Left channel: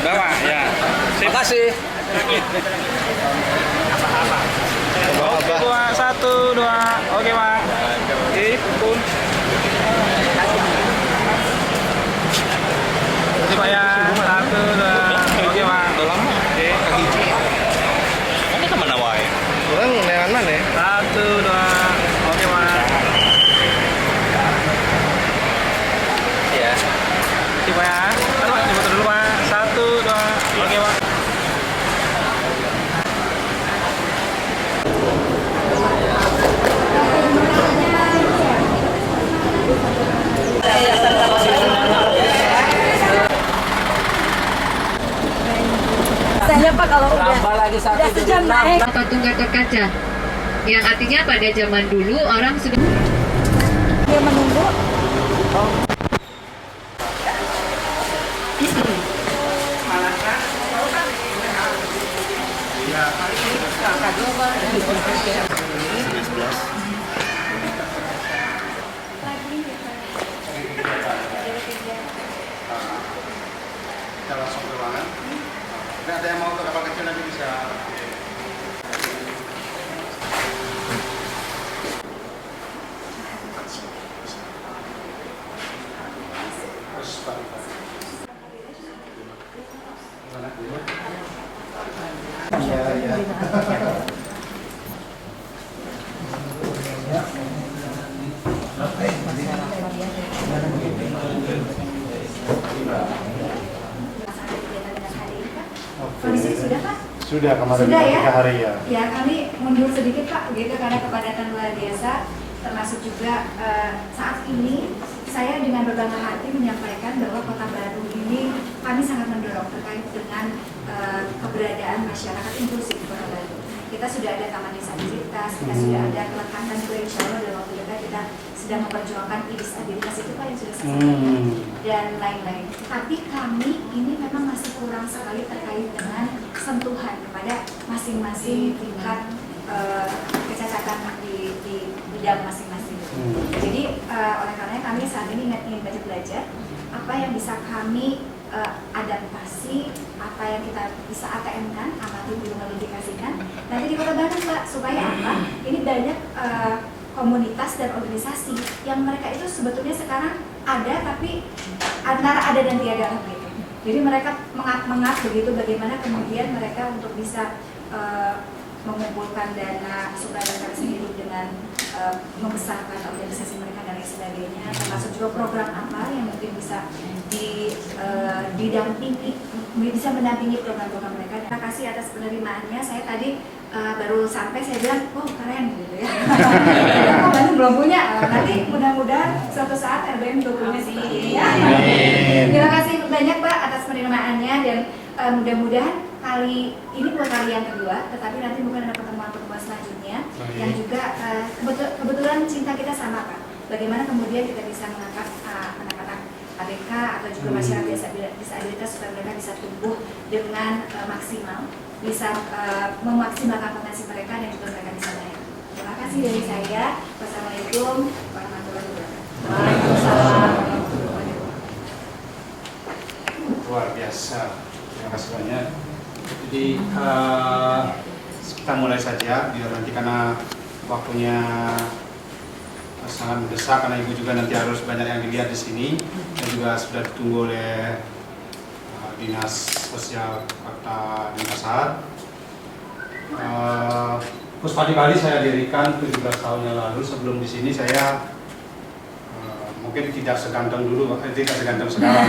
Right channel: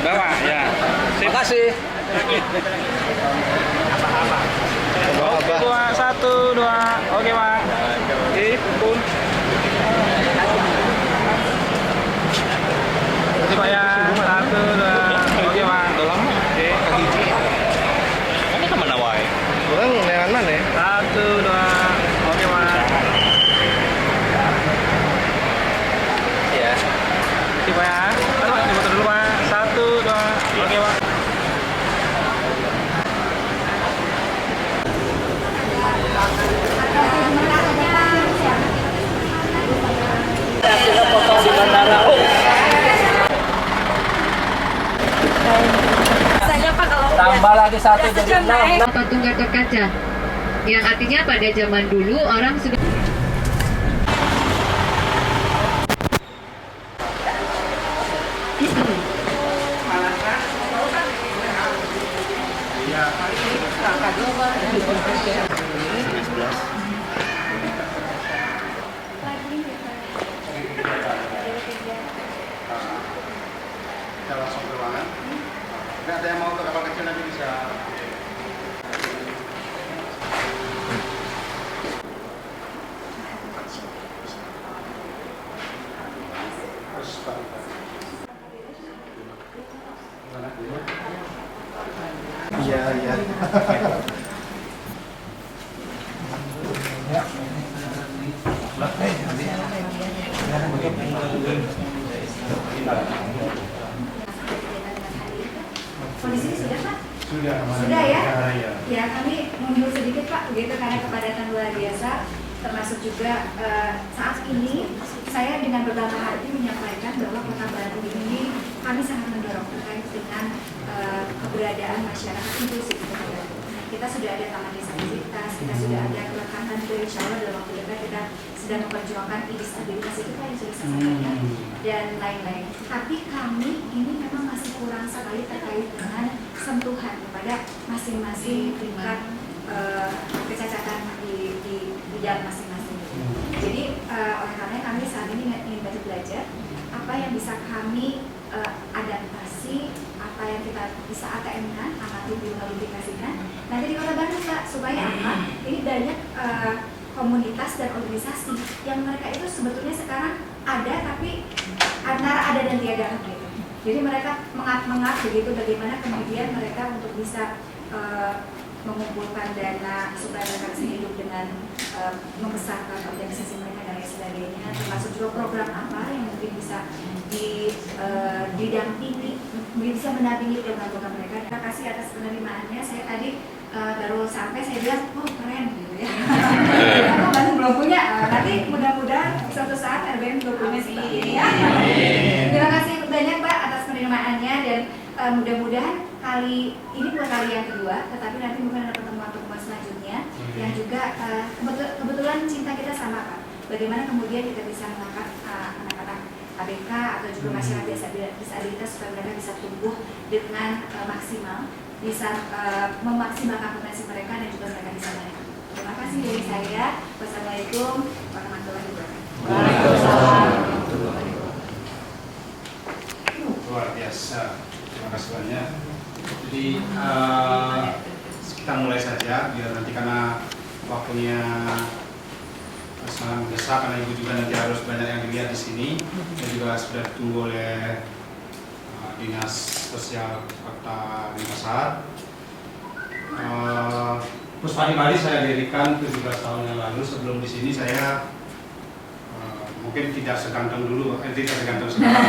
Udah, Pak. Ya. Terima kasih. Oke, Pak. 1, 2. Oke, Pak. Oke, pun. Oke, Pak ya. 1, 2. Oke, Pak. Oke. Ini teman awal. Orang nean mana? 1, 2. Oke, Pak. Ya. Oke, Pak ya. Taruh, difoto dulu, Pak. 1, 2. Oke, Pak. Saya Pak kalau Tambah lagi 1 udah jadi sejam 6. naik. Patung Gatot Kaca, yang artinya pada zaman dulu orang sudah Dia menunggu. Kita langsung ke ruangan. Nggak ada yang mau ke kapal kecil nanti bisa. Iya, iya. Kondisi sudah Pak? Sudah kemarin Sudah ya? 3 hari ya. Ya kami mundur sedikit Pak, begitu karena kepadatan luar biasa, termasuk juga saat ini saya dengan berbangga hati menyampaikan bahwa Kota Baru ini kami sangat mendorong terkait dengan keberadaan masyarakat inklusif di Kota Baru. Kita sudah ada taman disabilitas, kita sudah ada kelengkapan juga insya Allah dalam waktu dekat kita sedang memperjuangkan disabilitas itu Pak yang sudah saya sampaikan dan lain-lain. Tapi kami ini memang masih kurang sekali terkait dengan sentuhan kepada masing-masing tingkat kecacatan di bidang masing-masing. Jadi oleh karena kami saat ini ingin banyak belajar apa yang bisa kami adaptasi, apa yang kita bisa ATM-kan, amati dimodifikasikan nanti di Kota Baru Mbak, supaya apa? Ini banyak komunitas dan organisasi yang mereka itu sebetulnya sekarang ada tapi antara ada dan tiada gitu. Jadi mereka mengap begitu bagaimana kemudian mereka untuk bisa mengumpulkan dana supaya mereka bisa hidup dengan membesarkan organisasi mereka dan lain sebagainya, termasuk juga program apa yang mungkin bisa didampingi, bisa mendampingi program-program mereka. Terima kasih atas penerimaannya. Saya tadi baru sampai, saya bilang, oh keren gitu ya. Kita kok Bandung belum punya. Nanti mudah-mudahan suatu saat RBM juga punya seperti ini ya. Terima kasih banyak Pak atas penerimaannya dan mudah-mudahan kali ini bukan kali yang kedua, tetapi nanti mungkin ada pertemuan-pertemuan selanjutnya yang juga kebetulan cinta kita sama Pak. Bagaimana kemudian kita bisa mengangkat anak-anak ABK atau juga masyarakat disabilitas supaya mereka bisa tumbuh dengan maksimal, bisa memaksimalkan potensi mereka dan juga mereka bisa naik. Terima kasih dari saya. Wassalamualaikum warahmatullahi wabarakatuh. Waalaikumsalam warahmatullahi wabarakatuh. Luar biasa. Terima kasih banyak. Jadi kita mulai saja biar nanti karena waktunya sangat mendesak karena ibu juga nanti harus banyak yang dilihat di sini dan juga sudah ditunggu oleh Dinas Sosial Kota Denpasar. Puspadi Bali saya dirikan 17 tahun yang lalu. Sebelum di sini saya mungkin tidak seganteng dulu, tidak seganteng sekarang.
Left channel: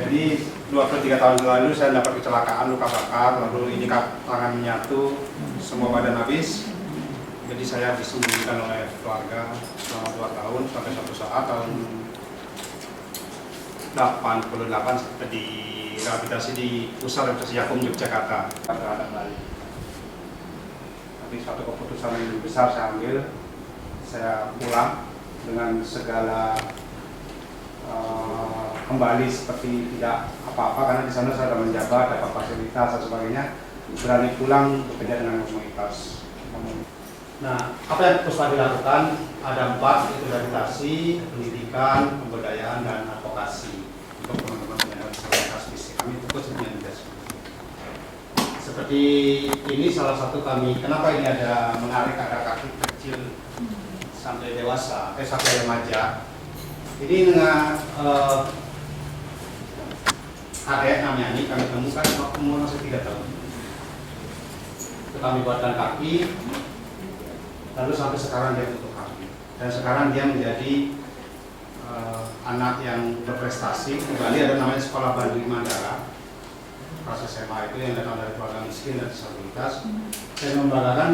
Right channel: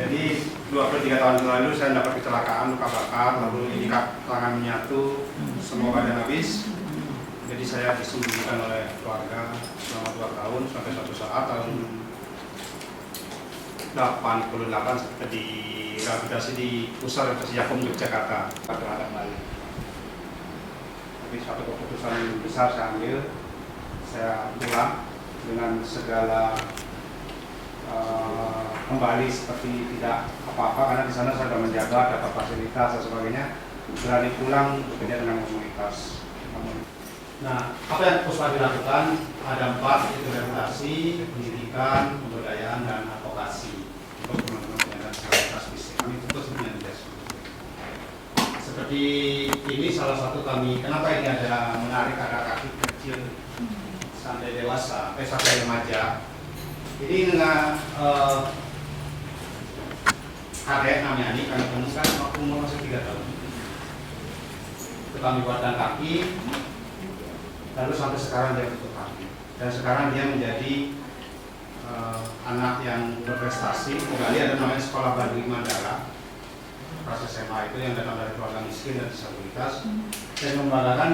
Jadi 23 tahun lalu saya dapat kecelakaan, luka bakar, lalu ini tangan menyatu, semua badan habis. Jadi saya disembunyikan oleh keluarga selama 2 tahun sampai suatu saat tahun 88 di rehabilitasi di Pusat Rehabilitasi Yakum Yogyakarta terhadap Bali. Tapi suatu keputusan besar saya ambil, saya pulang dengan segala kembali seperti tidak apa-apa karena di sana saya sudah menjabat, dapat fasilitas dan sebagainya, berani pulang bekerja dengan komunitas. Nah, apa yang Puspadi lakukan ada 4, yaitu rehabilitasi, pendidikan, pemberdayaan, dan advokasi untuk teman-teman penyandang disabilitas. seperti ini salah satu kami, kenapa ini ada menarik, ada kaki kecil sampai dewasa, sampai remaja. Ini dengan adek namanya ini kami temukan waktu umur masih 3 tahun. Itu kami buatkan kaki, lalu sampai sekarang dia bentuk kaki. Dan sekarang dia menjadi anak yang berprestasi. Kembali ada namanya Sekolah Bandung Mandala, kelas SMA itu yang datang dari keluarga miskin dan disabilitas. Saya membanggakan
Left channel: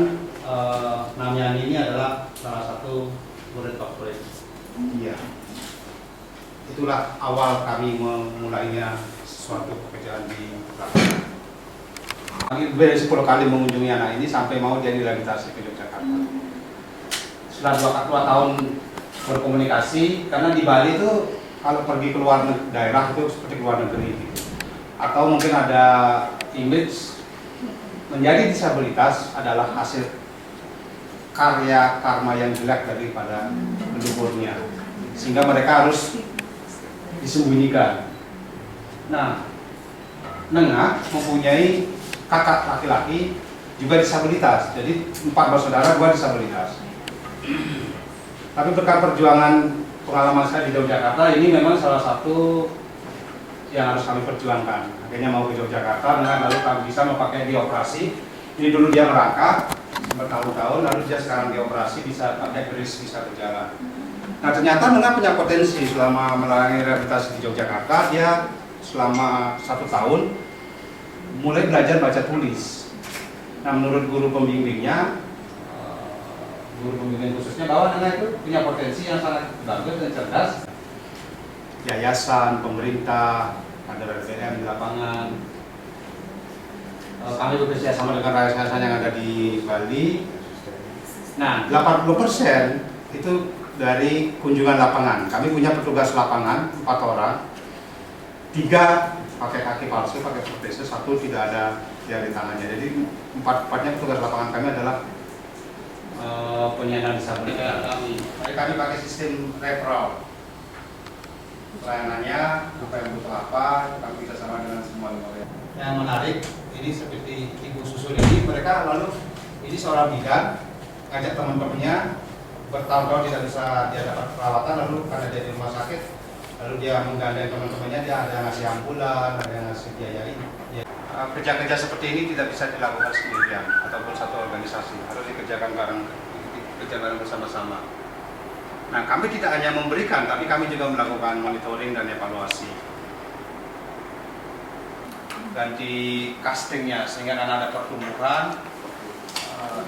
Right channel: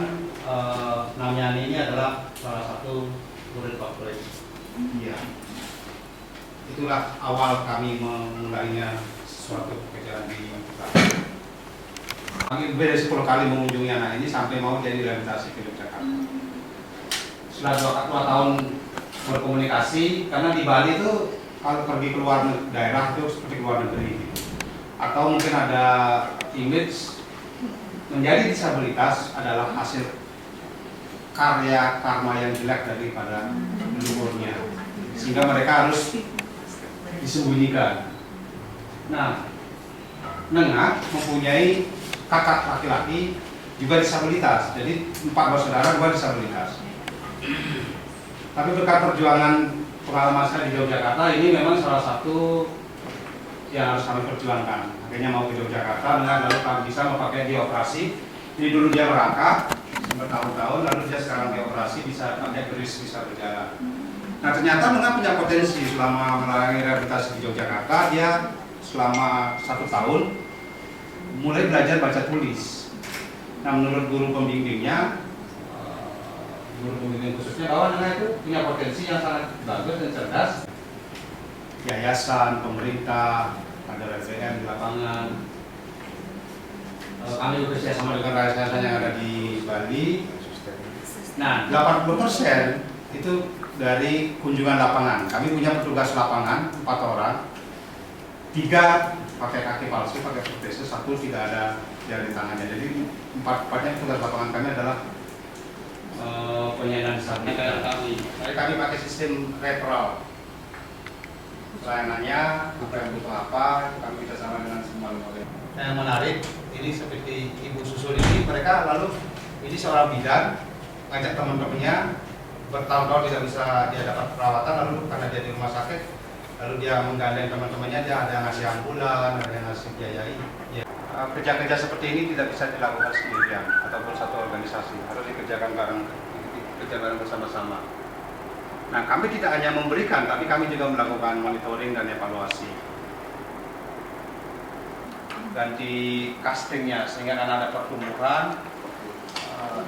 Namyani ini adalah salah satu murid favorit dia. Itulah awal kami memulainya suatu pekerjaan di Bali. Kami lebih dari 10 kali mengunjungi anak ini sampai mau jadi rehabilitasi ke Yogyakarta. Setelah 2 tahun berkomunikasi, karena di Bali itu kalau pergi keluar daerah itu seperti luar negeri gitu. Atau mungkin ada image menjadi disabilitas adalah hasil karya karma yang jelek daripada leluhurnya, sehingga mereka harus disembunyikan. Nah, Nengah mempunyai kakak laki-laki juga disabilitas, jadi 4 bersaudara, 2 disabilitas. Tapi berkat perjuangan pengalaman saya di Yogyakarta, ini memang salah satu yang harus kami perjuangkan. Akhirnya mau ke Yogyakarta, lalu kami bisa memakai dioperasi. Ini dulu dia merangkak bertahun-tahun, lalu dia sekarang dioperasi bisa pakai beris, bisa berjalan. Nah ternyata Nengah punya potensi. Selama melalui rehabilitasi di Yogyakarta, dia selama 1 tahun mulai belajar baca tulis. Nah menurut guru pembimbingnya, guru pembimbing khususnya, bahwa Nengah itu punya potensi yang sangat bagus dan cerdas. Yayasan, pemerintah, ada RDM di lapangan. Kami bekerja sama dengan yayasan yang ada di Bali. Nah, 80% itu dari kunjungan lapangan. Kami punya petugas lapangan 4 orang. 3 pakai kaki palsu, pakai protese, 1 tidak ada jari tangannya. Jadi 4-4-nya petugas lapangan kami adalah penyandang disabilitas. Kami pakai sistem referral. Pelayanannya, apa yang butuh apa, kami bisa sama dengan semua lembaga. Yang menarik, ini seperti Ibu Susul ini, mereka lalu ini seorang bidan ngajak teman-temannya, bertahun-tahun tidak bisa dia dapat perawatan, lalu karena dia di rumah sakit, lalu dia menggandeng teman-temannya, dia ada yang ngasih ambulan, ada yang ngasih biayai. Ya. Kerja-kerja seperti ini tidak bisa dilakukan sendirian ataupun satu organisasi, harus dikerjakan bareng bersama-sama. Nah, kami tidak hanya memberikan, tapi kami juga melakukan monitoring dan evaluasi. Dan di castingnya, sehingga karena ada pertumbuhan,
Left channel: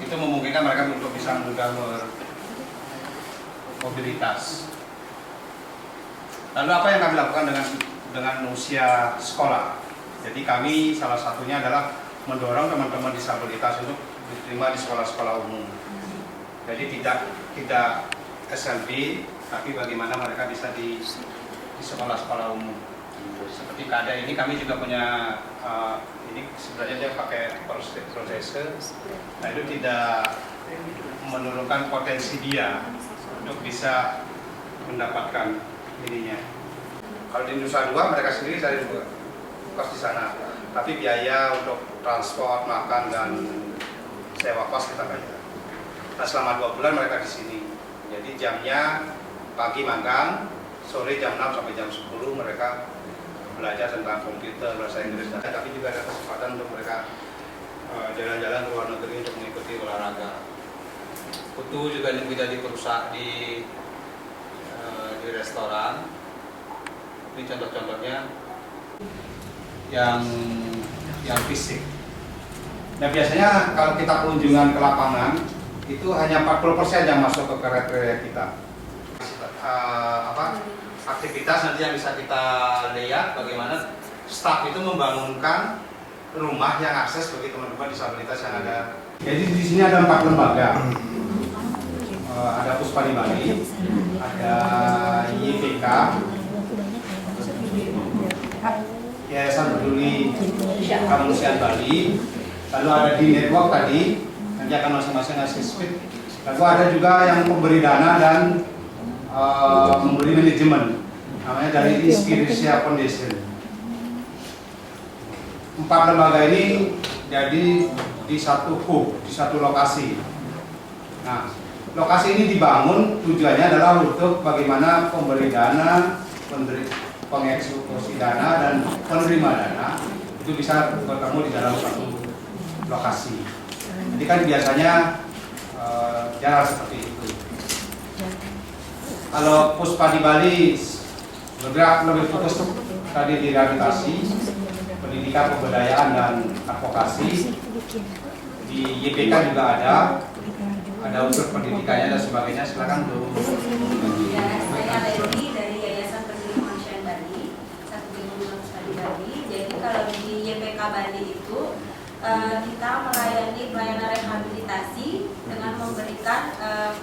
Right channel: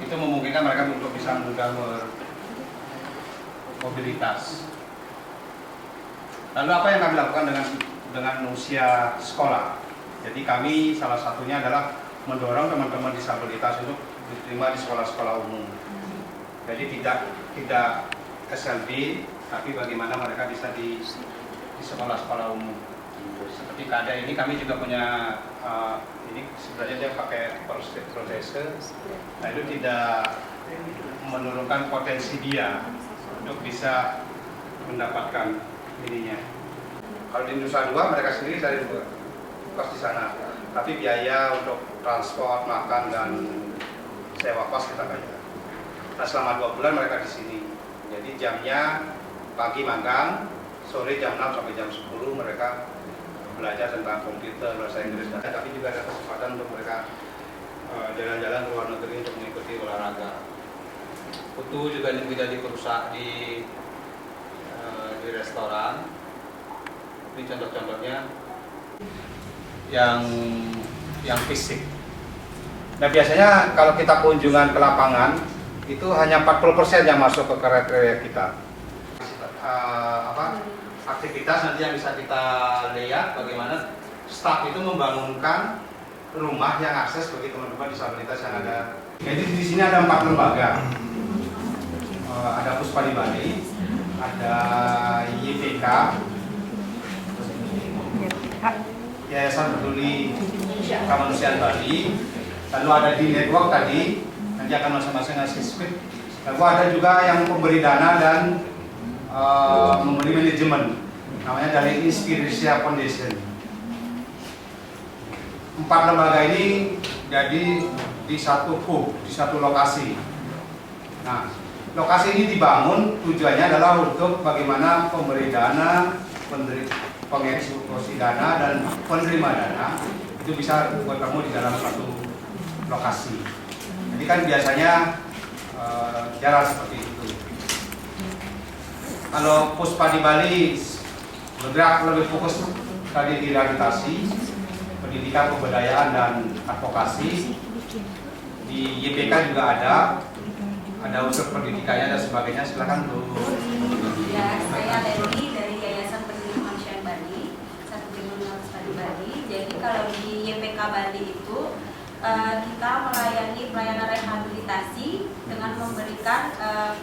itu memungkinkan mereka untuk bisa mudah mobilitas. Lalu apa yang kami lakukan dengan usia sekolah? Jadi kami salah satunya adalah mendorong teman-teman disabilitas untuk diterima di sekolah-sekolah umum. Jadi tidak SLB, tapi bagaimana mereka bisa di sekolah-sekolah umum. Seperti KADA ini kami juga punya, ini sebenarnya dia pakai protese. Nah itu tidak menurunkan potensi dia untuk bisa mendapatkan ininya. Kalau di Nusa Dua mereka sendiri cari kos di sana, tapi biaya untuk transport, makan dan sewa kos kita bayar. Nah selama 2 bulan mereka di sini. Jadi jamnya pagi magang, sore jam 6 sampai jam 10 mereka belajar tentang komputer, bahasa Inggris, tapi juga ada kesempatan untuk mereka jalan-jalan ke luar negeri untuk mengikuti olahraga. Putu juga bisa diperusak di restoran. Ini contoh-contohnya yang fisik. Nah biasanya kalau kita kunjungan ke lapangan itu hanya 40% yang masuk ke kriteria kita. Aktivitas nanti yang bisa kita lihat bagaimana staf itu membangunkan rumah yang akses bagi teman-teman disabilitas yang ada. Jadi di sini ada 4 lembaga. Ada Puspa di Bali, ada YPK, Yayasan Peduli Kemanusiaan Bali, lalu ada di network tadi. Nanti akan masing-masing ngasih speed. Lalu ada juga yang memberi dana dan memberi manajemen, namanya dari Inspirasia Foundation. 4 lembaga ini jadi di satu hub, di satu lokasi. Nah, lokasi ini dibangun tujuannya adalah untuk bagaimana pemberi dana, pengeksekusi dana, dan penerima dana itu bisa bertemu di dalam satu lokasi. Jadi kan biasanya jalan seperti itu. Kalau Puspa di Bali bergerak lebih fokus tadi di rehabilitasi, pendidikan, pemberdayaan, dan advokasi. Di YPK juga ada unsur pendidikannya dan sebagainya. Silakan Bu. Ya, saya Leli dari Yayasan Peduli Kemanusiaan Bali, Satu Gedung di Bali. Jadi kalau di YPK Bali itu kita melayani pelayanan rehabilitasi dengan memberikan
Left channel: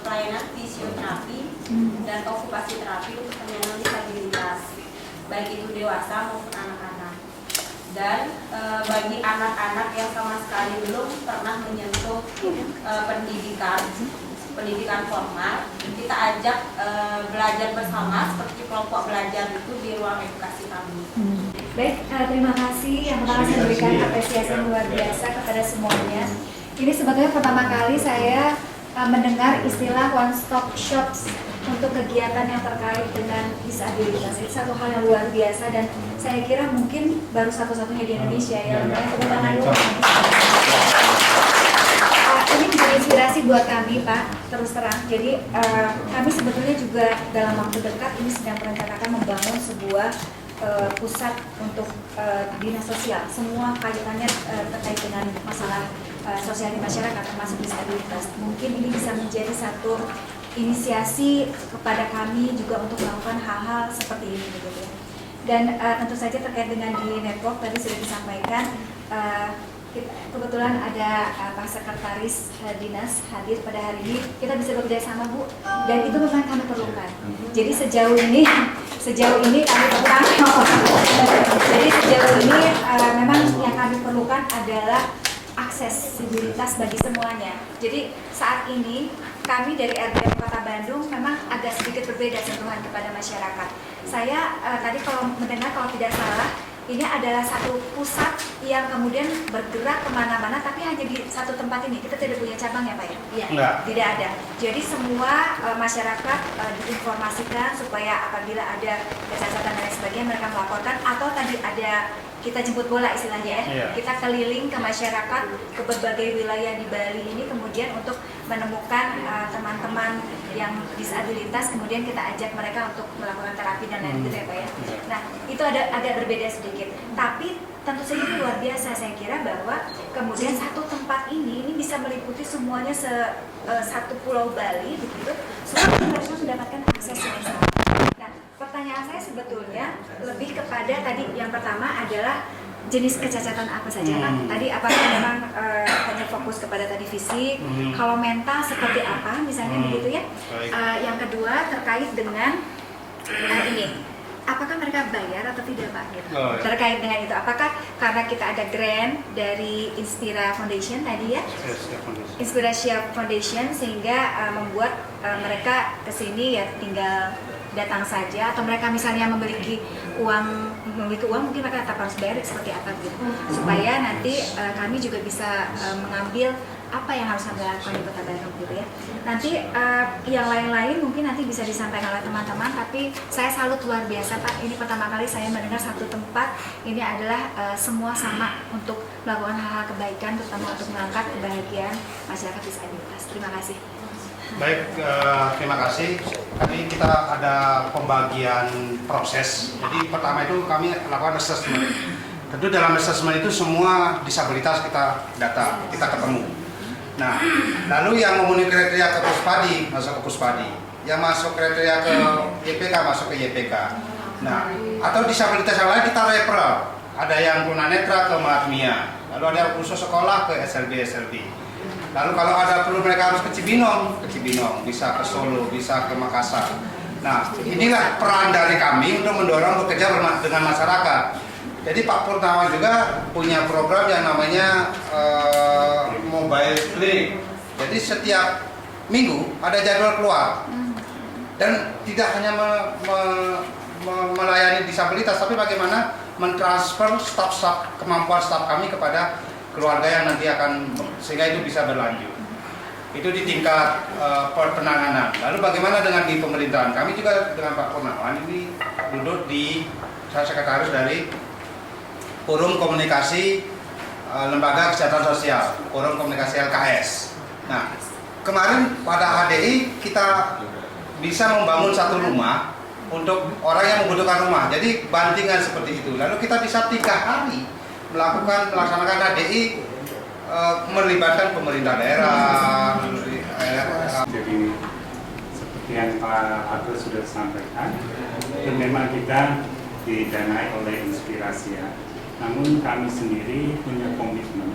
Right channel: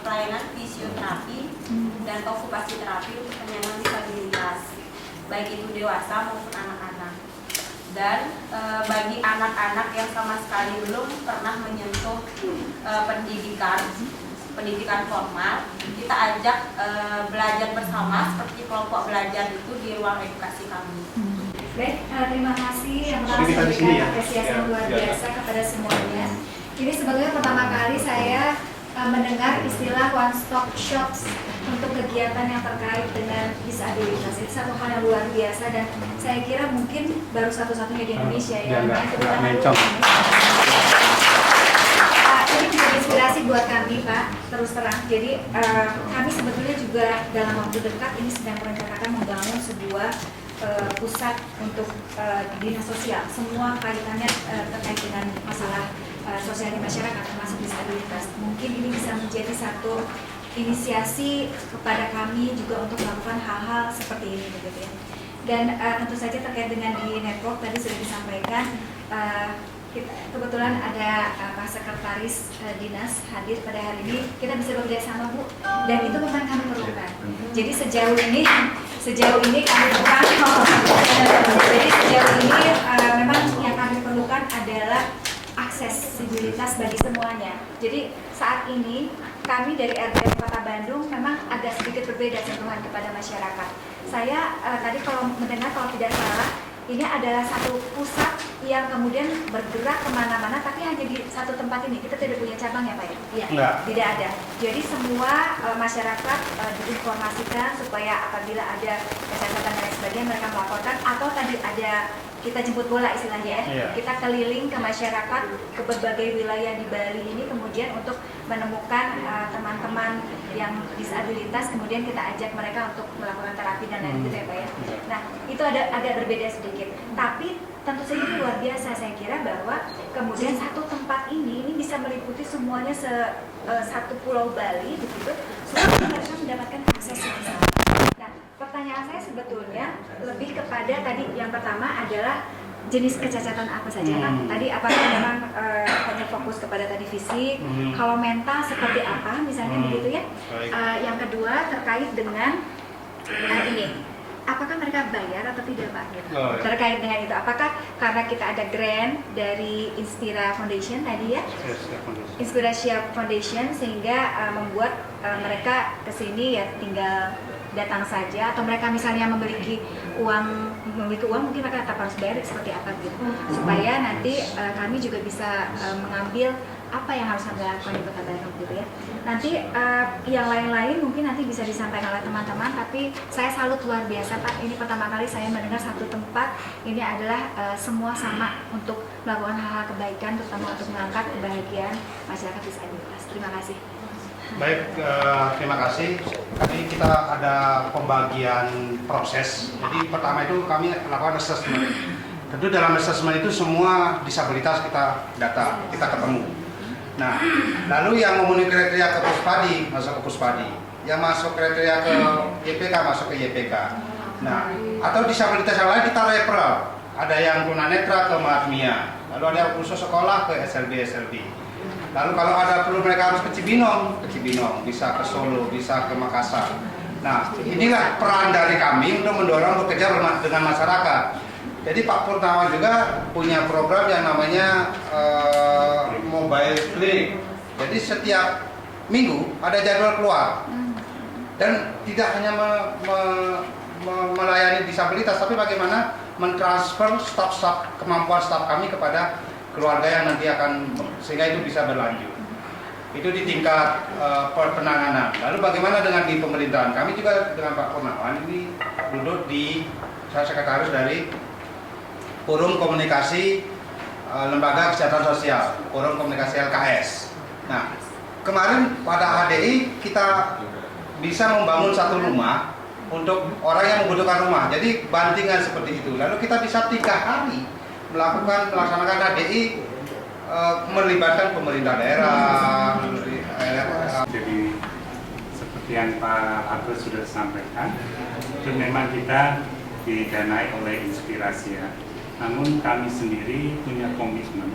pelayanan fisioterapi dan okupasi terapi untuk penyandang disabilitas, baik itu dewasa maupun anak-anak. Dan bagi anak-anak yang sama sekali belum pernah menyentuh pendidikan formal, kita ajak belajar bersama seperti kelompok belajar itu di ruang edukasi kami. Baik, terima kasih yang telah memberikan apresiasi yang luar biasa kepada semuanya. Ini sebetulnya pertama kali saya mendengar istilah one stop shops untuk kegiatan yang terkait dengan disabilitas. Itu satu hal yang luar biasa dan saya kira mungkin baru satu-satunya di Indonesia ya. Tepuk tangan dulu. Ini menjadi inspirasi buat kami, Pak, terus terang. Jadi kami sebetulnya juga dalam waktu dekat ini sedang merencanakan membangun sebuah pusat untuk dinas sosial. Semua kaitannya terkait dengan masalah sosial di masyarakat termasuk disabilitas. Mungkin ini bisa menjadi satu inisiasi kepada kami juga untuk melakukan hal-hal seperti ini begitu ya. Dan tentu saja terkait dengan di network tadi sudah disampaikan, kebetulan ada Pak Sekretaris Dinas hadir pada hari ini. Kita bisa bekerja sama, Bu, dan itu memang kami perlukan. Jadi sejauh ini kami perlukan. Jadi sejauh ini memang yang kami perlukan adalah aksesibilitas bagi semuanya. Jadi saat ini kami dari RDM Kota Bandung memang agak sedikit berbeda sentuhan kepada masyarakat. Saya tadi kalau mendengar, kalau tidak salah, ini adalah satu pusat yang kemudian bergerak kemana-mana, tapi hanya di satu tempat ini. Kita tidak punya cabang ya, Pak ya? Enggak. Tidak ada. Jadi semua masyarakat diinformasikan supaya apabila ada catatan dan lain sebagainya mereka melaporkan, atau tadi ada kita jemput bola istilahnya ya. Iya. Kita keliling ke masyarakat, ke berbagai wilayah di Bali ini, kemudian untuk menemukan teman-teman yang disabilitas, kemudian kita ajak mereka untuk melakukan terapi dan lain-lain gitu ya, Pak ya. Nah, itu agak berbeda sedikit. Tapi tentu saja itu luar biasa, saya kira bahwa kemudian satu tempat ini bisa meliputi semuanya satu pulau Bali begitu. Semua mereka mendapatkan akses yang sama. Nah, pertanyaan saya sebetulnya lebih kepada tadi yang pertama adalah jenis kecacatan apa saja, Pak? Tadi apakah memang hanya fokus kepada tadi fisik? Kalau mental seperti apa misalnya begitu ya? Yang kedua terkait dengan ini, apakah mereka bayar atau tidak, Pak? Oh, ya. Terkait dengan itu, apakah karena kita ada grant dari Inspira Foundation tadi ya? Inspirasia Foundation sehingga membuat mereka kesini ya tinggal datang saja, atau mereka misalnya memiliki uang mungkin mereka tetap harus bayar seperti apa gitu, supaya nanti kami juga bisa mengambil apa yang harus kami lakukan di Kota Bandung gitu ya. Nanti yang lain-lain mungkin nanti bisa disampaikan oleh teman-teman, tapi saya salut luar biasa, Pak. Ini pertama kali saya mendengar satu tempat ini adalah semua sama untuk melakukan hal-hal kebaikan, terutama untuk mengangkat kebahagiaan masyarakat disabilitas. Terima kasih. Baik, terima kasih. Tadi kita ada pembagian proses. Jadi pertama itu kami lakukan assessment. Tentu dalam assessment itu semua disabilitas kita data, kita ketemu. Nah, lalu yang memenuhi kriteria ke Puspadi masuk ke Puspadi, yang masuk kriteria ke YPK masuk ke YPK. Nah, atau disabilitas yang lain kita referral. Ada yang tunanetra ke Mahatmia, lalu ada yang khusus sekolah ke SLB. Lalu kalau ada perlu mereka harus ke Cibinong, bisa ke Solo, bisa ke Makassar. Nah, inilah peran dari kami untuk mendorong bekerja dengan masyarakat. Jadi Pak Purnawan juga punya program yang namanya mobile clinic. Jadi setiap minggu ada jadwal keluar. Dan tidak hanya melayani disabilitas, tapi bagaimana mentransfer kemampuan staf kami kepada keluarga yang nanti akan, sehingga itu bisa berlanjut. Itu di tingkat penanganan. Lalu bagaimana dengan di pemerintahan? Kami juga dengan Pak Purnawan ini duduk di, saya sekretaris dari Forum Komunikasi Lembaga Kesehatan Sosial, Forum Komunikasi LKS. Nah, kemarin pada HDI kita bisa membangun satu rumah untuk orang yang membutuhkan rumah. Jadi bandingan seperti itu. Lalu kita bisa 3 hari melaksanakan HDI melibatkan pemerintah daerah. Jadi seperti yang Pak Arthur sudah sampaikan, itu memang kita didanai oleh Inspirasi ya. Namun kami sendiri punya komitmen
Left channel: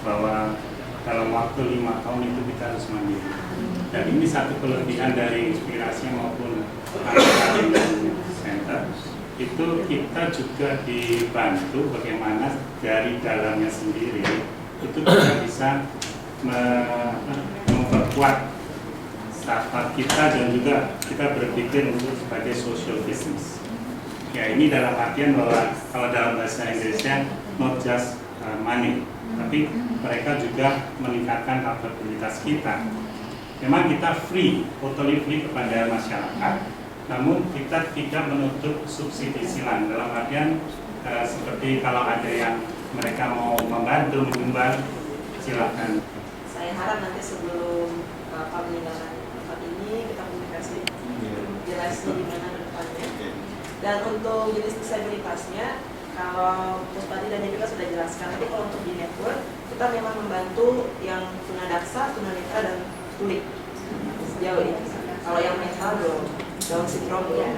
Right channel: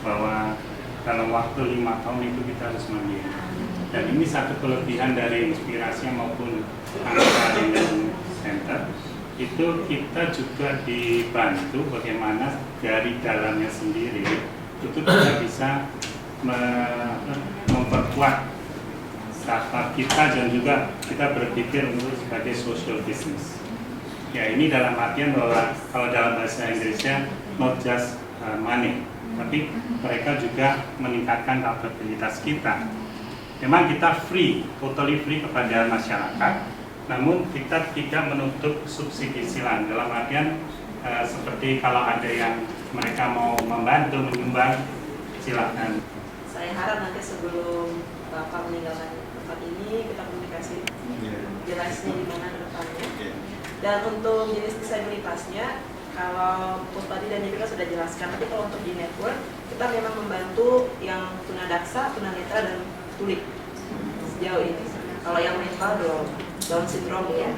bahwa dalam waktu 5 tahun itu kita harus mandiri. Dan ini satu kelebihan dari Inspirasi maupun Angkatan Center, itu kita juga dibantu bagaimana dari dalamnya sendiri itu kita bisa memperkuat startup kita dan juga kita berpikir untuk sebagai social business. Ya, ini dalam artian bahwa kalau dalam bahasa Inggrisnya not just money, tapi mereka juga meningkatkan kapabilitas kita. Memang kita free, totally free kepada masyarakat, namun kita tidak menutup subsidi silang. Dalam artian seperti kalau ada yang mereka mau membantu, menyumbang, silakan. Saya harap nanti sebelum Bapak meninggalkan tempat ini kita komunikasi jelasnya di mana ke depannya. Dan untuk jenis disabilitasnya, kalau Puspadi dan Yevika sudah jelaskan, tapi kalau untuk di network, kita memang membantu yang tunadaksa, tunanetra, dan tuli sejauh ini. Kalau yang mental belum, Down syndrome ya.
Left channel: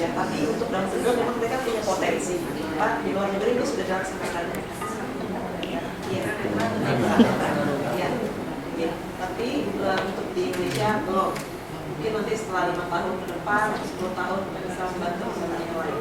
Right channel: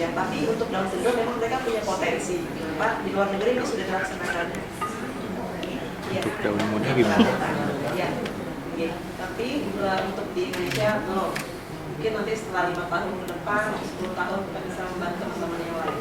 Ya, tapi untuk Down syndrome memang mereka punya potensi. Pak, di luar negeri ini sudah dilaksanakan. Iya. Ya. Ya. Tapi untuk di Indonesia belum. Mungkin nanti setelah 5 tahun ke depan, 10 tahun kita bisa membantu teman-teman yang lain.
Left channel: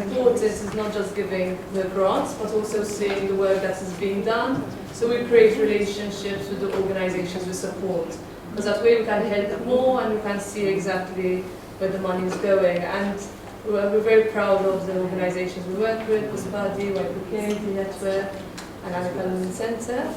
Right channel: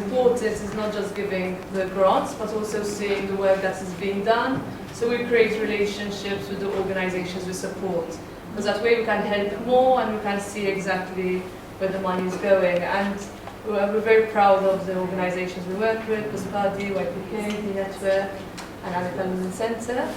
Important is not just giving the grants, but also seeing the work that is being done. So we create relationships with the organizations we support, because that way we can help more and we can see exactly where the money is going. And we're very proud of the organizations we work with, Puspadi, YPK, the Network, and Anakalan Center.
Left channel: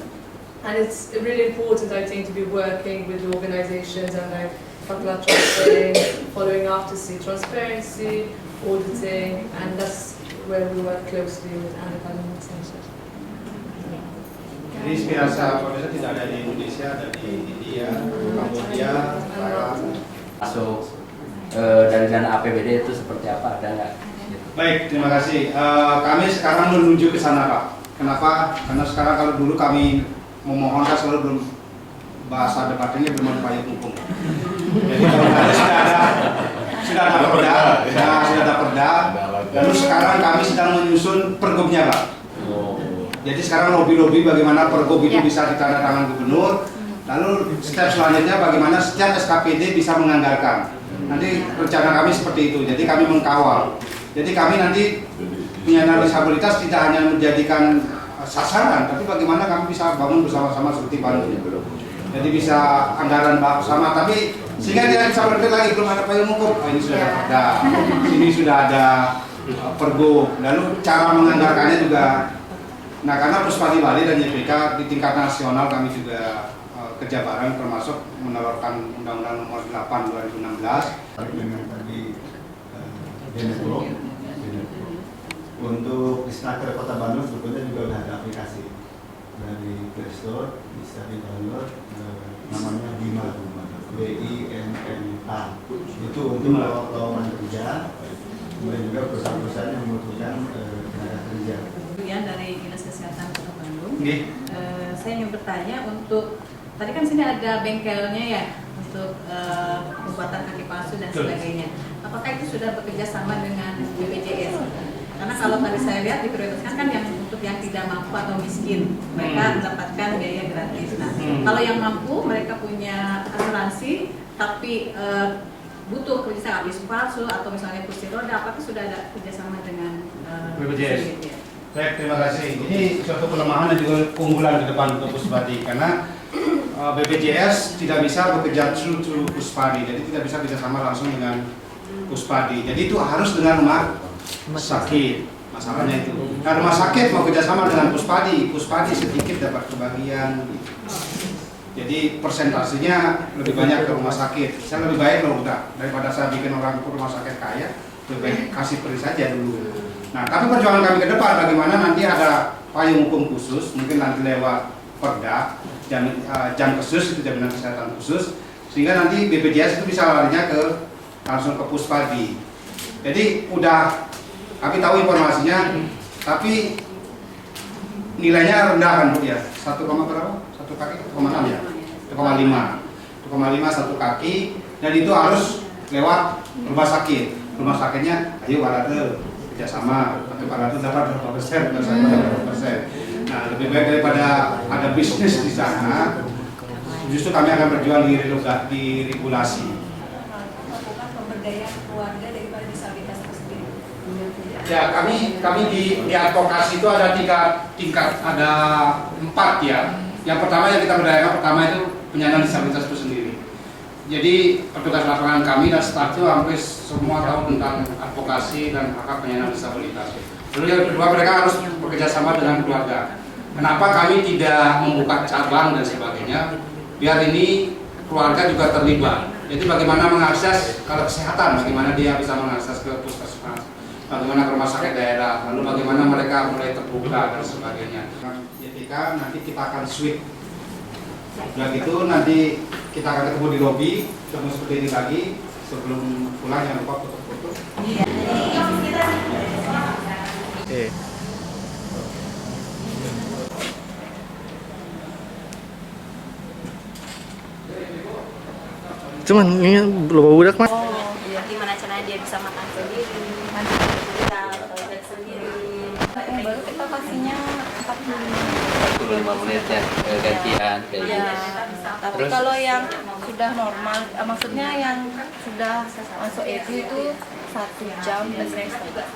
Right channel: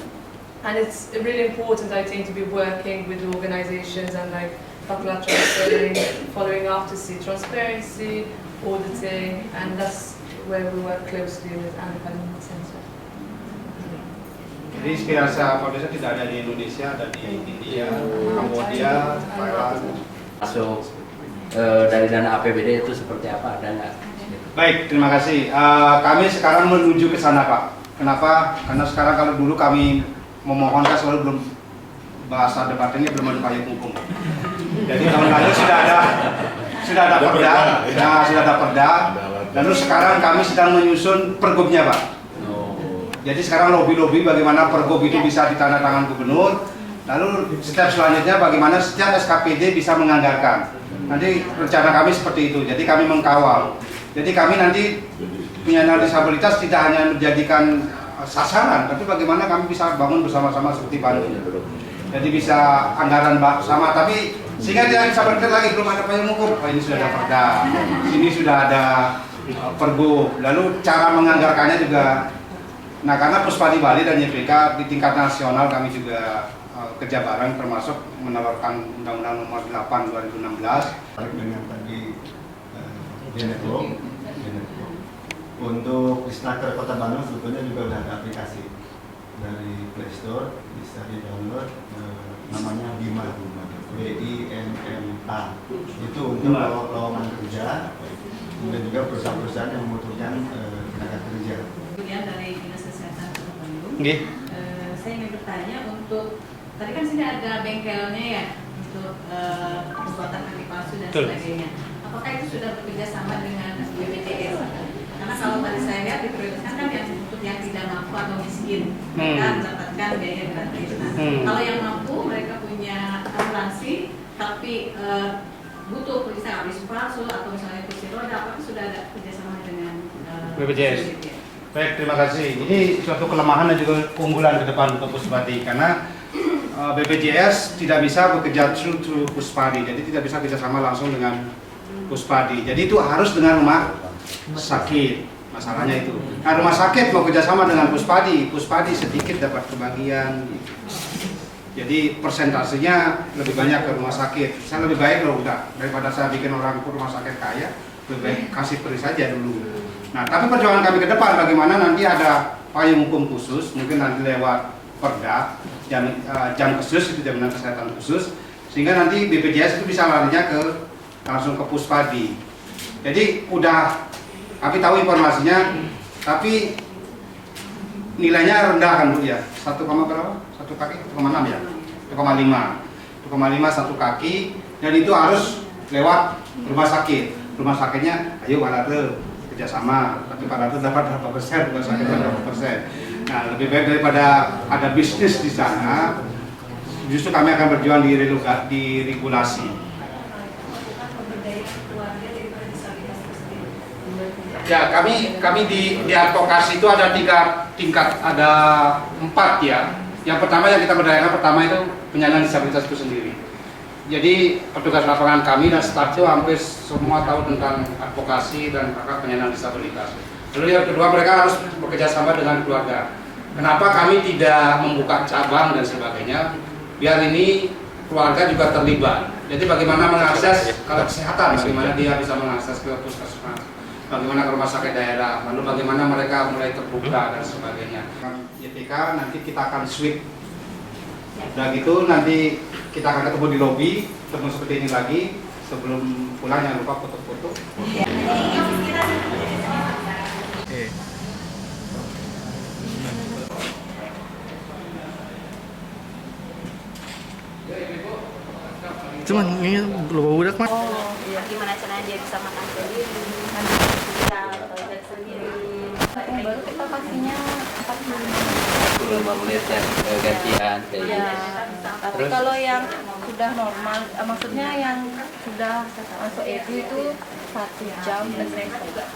And it's really important, I think, to be working with the organizations and like Fatwa saying, following up to see transparency, auditing, and that's where we work closely with Anakalan Center. Jadi Inspirasi Foundation tidak ada di Indonesia, ada di India, Kambodia, Thailand. Masuk dari dana APBD itu seperti apa, ada nggak? Baik, terima kasih. Kami sekarang menuju ke sana, Pak. Kenapa? Karena sekarang kalau dulu kami memohon kan selalu belum, bahasa debatnya belum ada payung hukum. Jadi tahun lalu sudah ada perda, sudah ada perda. Lalu sekarang kami sedang menyusun pergubnya, Pak. Jadi sekarang lobby bagaimana pergub itu bisa ditandatangan gubernur. Lalu step selanjutnya bagaimana setiap SKPD bisa menganggarkan. Nanti rencana kami seperti itu. Jadi kami mengkawal. Jadi kami nanti penyandang disabilitas tidak hanya menjadikan sasaran, tapi bagaimana kami bisa bangun bersama-sama seperti Bandung. Jadi bisa anggaran bersama, tapi sehingga tidak bisa berpikir lagi belum ada payung hukum. Oh, ini sudah ada perda, sini sudah ada pergub. Lalu cara menganggarkannya juga. Nah, karena Puspadi Bali dan YPK di tingkat nasional kami juga kerja bareng, termasuk menawarkan Undang-Undang Nomor 8 2016. Dengan tadi Genetwork. Untuk di Snaker Kota Bandung sebetulnya juga sudah ada aplikasi dari Play Store, bisa di download, namanya Bima, BIMMA. Itu untuk lowongan kerja, kemudian juga perusahaan-perusahaan yang membutuhkan tenaga kerja. Dari Dinas Kesehatan Kota Bandung. Saya ingin bertanya untuk tadi kan sini ada bengkelnya ya untuk pembuatan kaki palsu dan sebagainya. Apakah itu sudah bekerja sama dengan BPJS? Karena kalau tadi saya lihat diprioritaskan kan yang untuk yang tidak mampu atau miskin mereka mendapatkan biaya gratis. Nah, kalau yang mampu mereka punya asuransi tapi butuh misalnya habis palsu atau misalnya kursi roda, apakah sudah ada kerjasama dengan BPJS? Baik, terima kasih. Ini suatu kelemahan dan juga keunggulan ke depan untuk Puspadi karena BPJS tidak bisa bekerja through Puspadi, jadi tidak bisa kerjasama langsung dengan Puspadi. Jadi itu harus dengan rumah sakit. Masalahnya itu. Nah, rumah sakit mau kerjasama dengan Puspadi sedikit dapat kebagian. Jadi persentasenya lebih banyak ke rumah sakit. Saya lebih baik loh udah daripada saya bikin orang rumah sakit kaya, lebih baik kasih peri saja dulu. Nah, tapi perjuangan kami ke depan bagaimana nanti ada payung hukum khusus, mungkin nanti lewat Perda, jam khusus itu jaminan kesehatan khusus, sehingga nanti BPJS itu bisa larinya langsung ke Puspadi. Jadi udah kami tahu informasinya, tapi nilainya rendah kan Bu ya, 1, berapa? 1 kaki 1,6 ya, 1,5 satu kaki, dan itu harus lewat rumah sakit. Rumah sakitnya, ayo Pak Late kerjasama, tapi Pak Late dapat berapa persen, rumah sakit berapa persen. Nah, lebih baik daripada ada bisnis di sana, justru kami akan berjuang di regulasi. Pemberdayaan keluarga daripada disabilitas tersendiri. Ya, kami di advokasi itu ada 3 tingkat, ada 4 ya. Yang pertama yang kita berdayakan pertama itu penyandang disabilitas itu sendiri. Jadi petugas lapangan kami dan staf itu hampir semua tahu tentang advokasi dan hak penyandang disabilitas. Lalu yang kedua, mereka harus bekerja sama dengan keluarga. Kenapa kami tidak membuka cabang dan sebagainya? Biar ini keluarga juga terlibat. Jadi bagaimana mengakses kalau kesehatan, bagaimana dia bisa mengakses ke puskesmas, bagaimana ke rumah sakit daerah, lalu bagaimana mereka mulai terbuka dan sebagainya. YPK nanti kita akan sweep. Udah gitu nanti kita akan ketemu di lobi, ketemu seperti ini lagi. Sebelum pulang jangan lupa foto-foto. Cuman ini belum budak mas. Gimana caranya dia bisa makan sendiri, bisa toilet sendiri. Yang baru kita pastinya 45 menit ya, gantian kayak ya, gitu. tapi Terus? kalau yang sudah normal, maksudnya yang sudah masuk itu 1 jam dan setengah.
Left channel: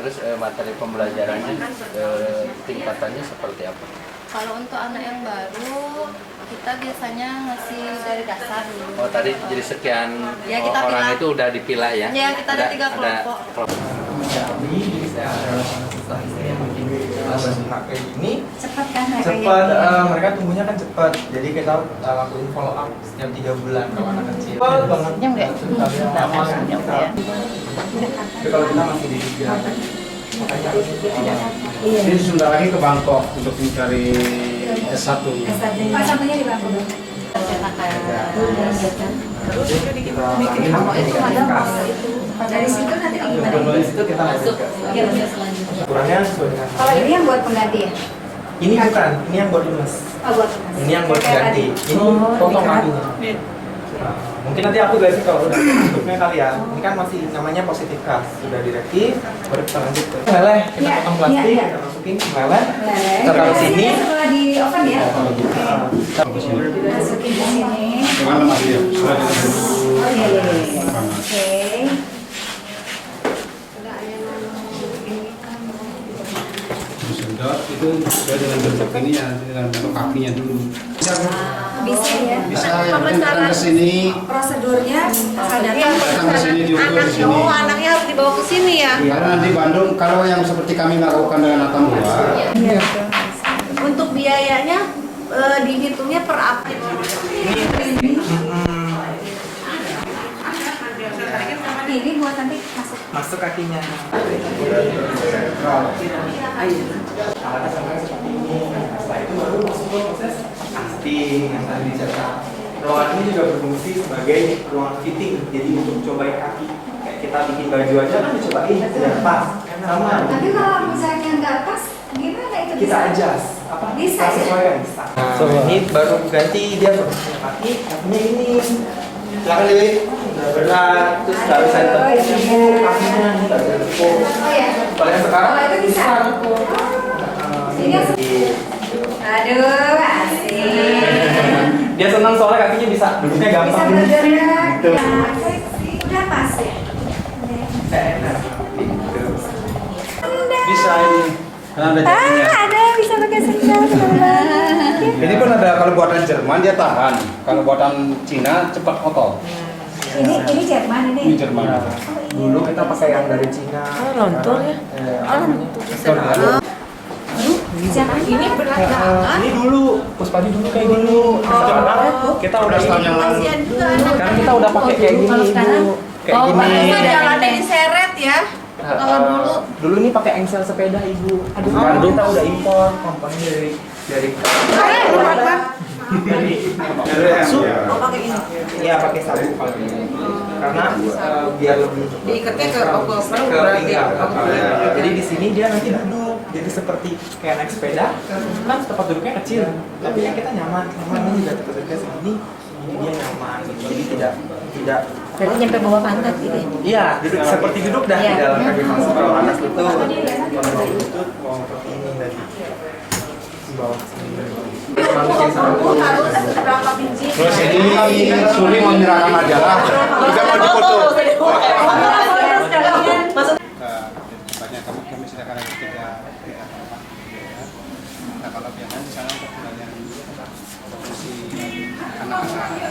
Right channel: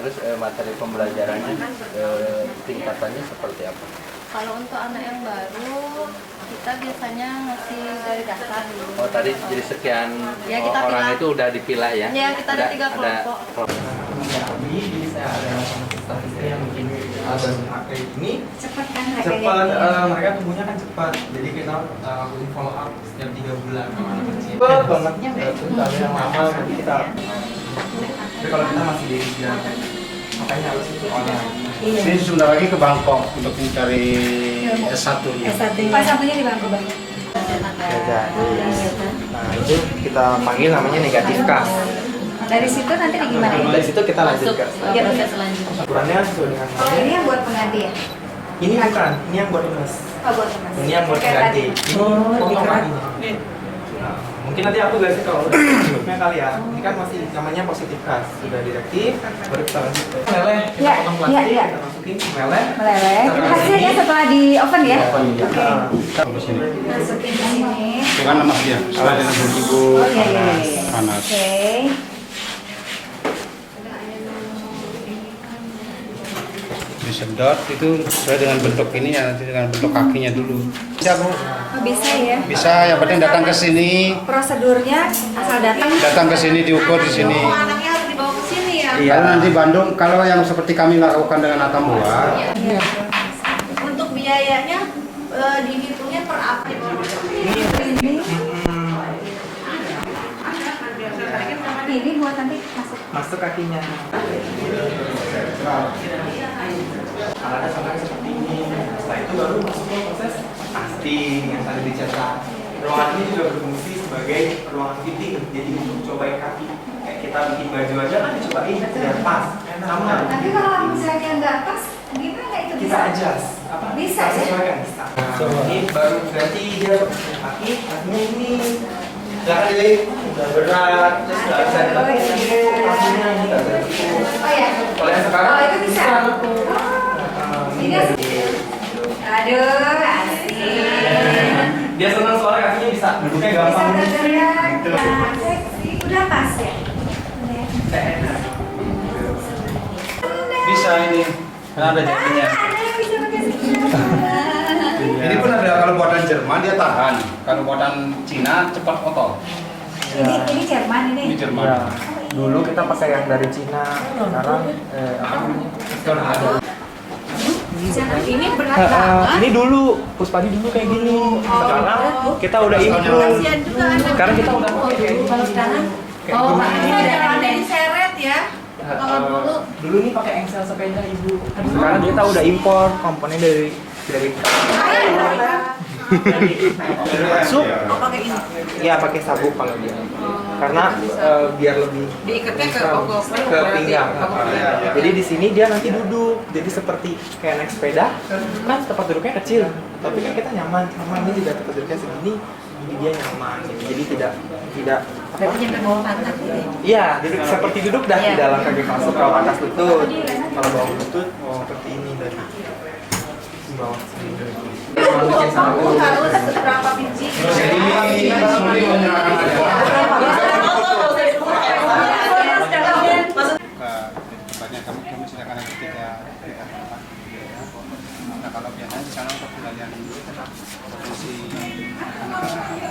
Terus materi pembelajarannya tingkatannya seperti apa? Kalau untuk anak yang baru, kita biasanya ngasih dari dasar dulu. Oh tadi jadi sekian Ya, kita orang pilah. itu udah dipilah ya? Ya, kita ada 3 kelompok. Kami saya ada asisten istri yang bikin HP ini Cepat kan cepat, mereka tumbuhnya kan cepat, jadi kita lakuin follow up setiap 3 bulan kalau anak kecil. Cepat banget, yang lama kita. Tapi kalau kita masih di Jogja, makanya harus Ini sebentar lagi ke Bangkok untuk mencari S1-nya. Satunya di Bangkok. Nah, itu kita panggil namanya negatif kas. Dari situ nanti gimana? Dari situ kita lanjut ke Proses selanjutnya. ukurannya sesuai dengan Kalau ini yang buat pengganti ya? ini bukan, ini yang buat lemes. Oh, buat pengganti. Ini yang buat Kayak ganti. tadi. Ini potong kakinya. Nah, mungkin nanti aku jelasin kalau udah bentuknya kali ya. Ini kan masih namanya positif kas. Sudah direktif, baru kita lanjut ke meleleh. Kita Ya, potong plastik, ya. kita masukin ke meleleh. Meleleh. Kita taruh di sini. Hasilnya setelah di oven ya? Masukin Masukin ke sini. Dengan lemaknya, soalnya dengan tubuh Oh iya iya iya. panas. Oke. Disedot itu saya dengan bentuk ini ya, nanti dengan bentuk kakinya dulu. Bisa Bu? Oh, bisa ya? Bisa, yang penting datang ke sini. Prosedurnya asal Datang ke sini diukur di sini. Anaknya harus dibawa ke sini ya. Kalau nanti Bandung, kalau yang seperti kami lakukan dengan Atambua, Iya. Untuk biayanya dihitungnya per update. Ini buat nanti masuk. Masuk kakinya. Alatnya sampai seperti ini. Setelah itu baru masuk ke proses casting yang tadi dicetak. Ruangan ini juga berfungsi sebagai ruangan fitting. Jadi untuk cobain kaki. Kayak kita bikin baju aja kan dicobain sudah pas. Sama. Tapi kalau misalnya nggak pas, gimana itu Kita bisa? adjust. Apa? Bisa, Kita sesuaikan. Bisa. Ini baru ganti dia posisi kaki. Kakinya ini. Silakan Dewi. Udah berat. Terus nggak bisa ditepuk kakinya. Nggak bisa ditepuk. Oh ya. Kalau yang sekarang Oh itu bisa. Ini asik. Aduh, asik. Dia senang soalnya kakinya bisa duduknya Bisa gampang. bergerak. Gitu. Udah pas ya? Enak. bisa ini. Nah, ada jadinya. Ada yang bisa pakai senjata. Ini pun ada kalau buatan Jerman dia tahan. Kalau buatan Cina cepat kotor. Ini Jerman ini. Ini Jerman. Oh Dulu kita pakai yang dari Cina, sekarang Ini berat banget. ini dulu, Puspadi dulu kayak gini. Sekarang kita udah ini. Sekarang kita udah pakai kayak gini. Kayak gini. Jalannya diseret ya. Kalau Dulu ini pakai engsel sepeda ibu. Sekarang kita udah impor komponen dari sabuk. pakai ini. Iya pakai sabuk kalau ini. Karena biar lebih Diikatnya ke pinggang. Jadi di sini dia nanti duduk. Jadi seperti kayak naik sepeda, kan tempat duduknya kecil, tapi yang kita nyaman. Ini juga tempat duduknya segini, jadi dia nyaman. Jadi tidak Berarti nyampe bawah pantat gitu ya? Iya, seperti duduk dah di dalam kaki palsu. Kalau atas lutut, kalau bawah lutut, seperti ini tadi. Di bawah sini. Bikin sabuk. Harus berapa biji? Ini kami sulit menyerahkan adalah tempatnya kami sediakan ada tiga tempat. Nah kalau biasanya di sana untuk melayani produksi anak-anak.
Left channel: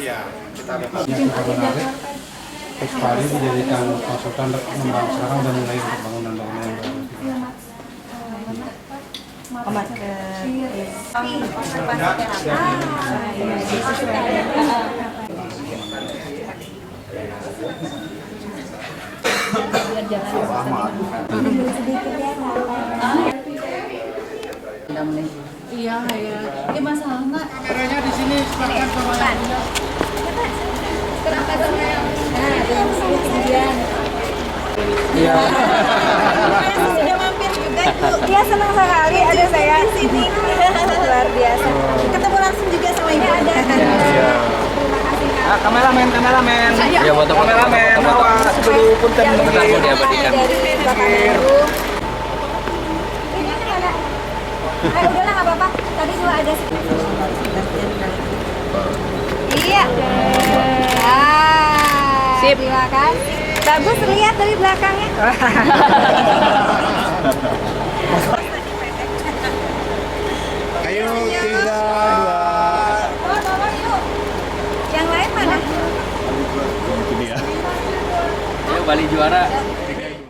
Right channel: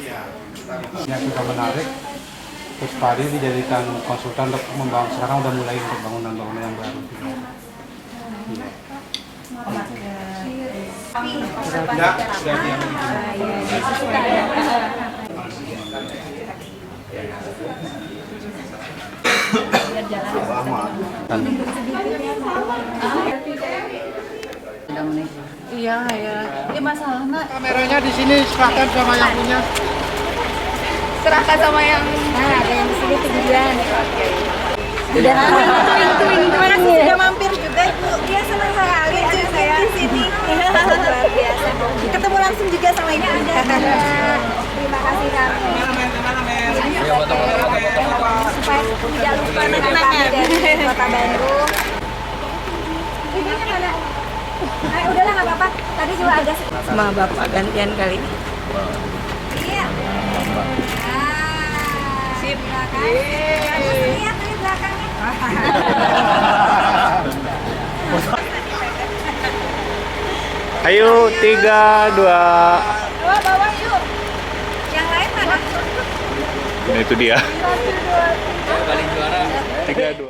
Iya, kita menarik Puspadi dijadikan konsultan untuk membangun, sekarang udah mulai untuk bangunan-bangunan yang baru. Iya, ya. Ini masalahnya. Kameranya di sini serahkan sama yang punya. Serahkan sama yang yang sini kemudian. Gimana sih sudah mampir juga itu? Dia senang sekali ada saya di sini. Luar biasa. Ketemu langsung juga sama ibu. Terima kasih Kak. Kameramen. Ya foto. Jangan lupa dari Kota Bandung. Ini mana? Udahlah nggak apa-apa. Tadi juga ada sama bapak gantian kali. Iya. Sip. Terima kasih. Bagus lihat dari belakangnya. Ayo 3, 2. Bawa yuk. Yang lain mana? Nah, itu dia. Bali juara. 3, 2.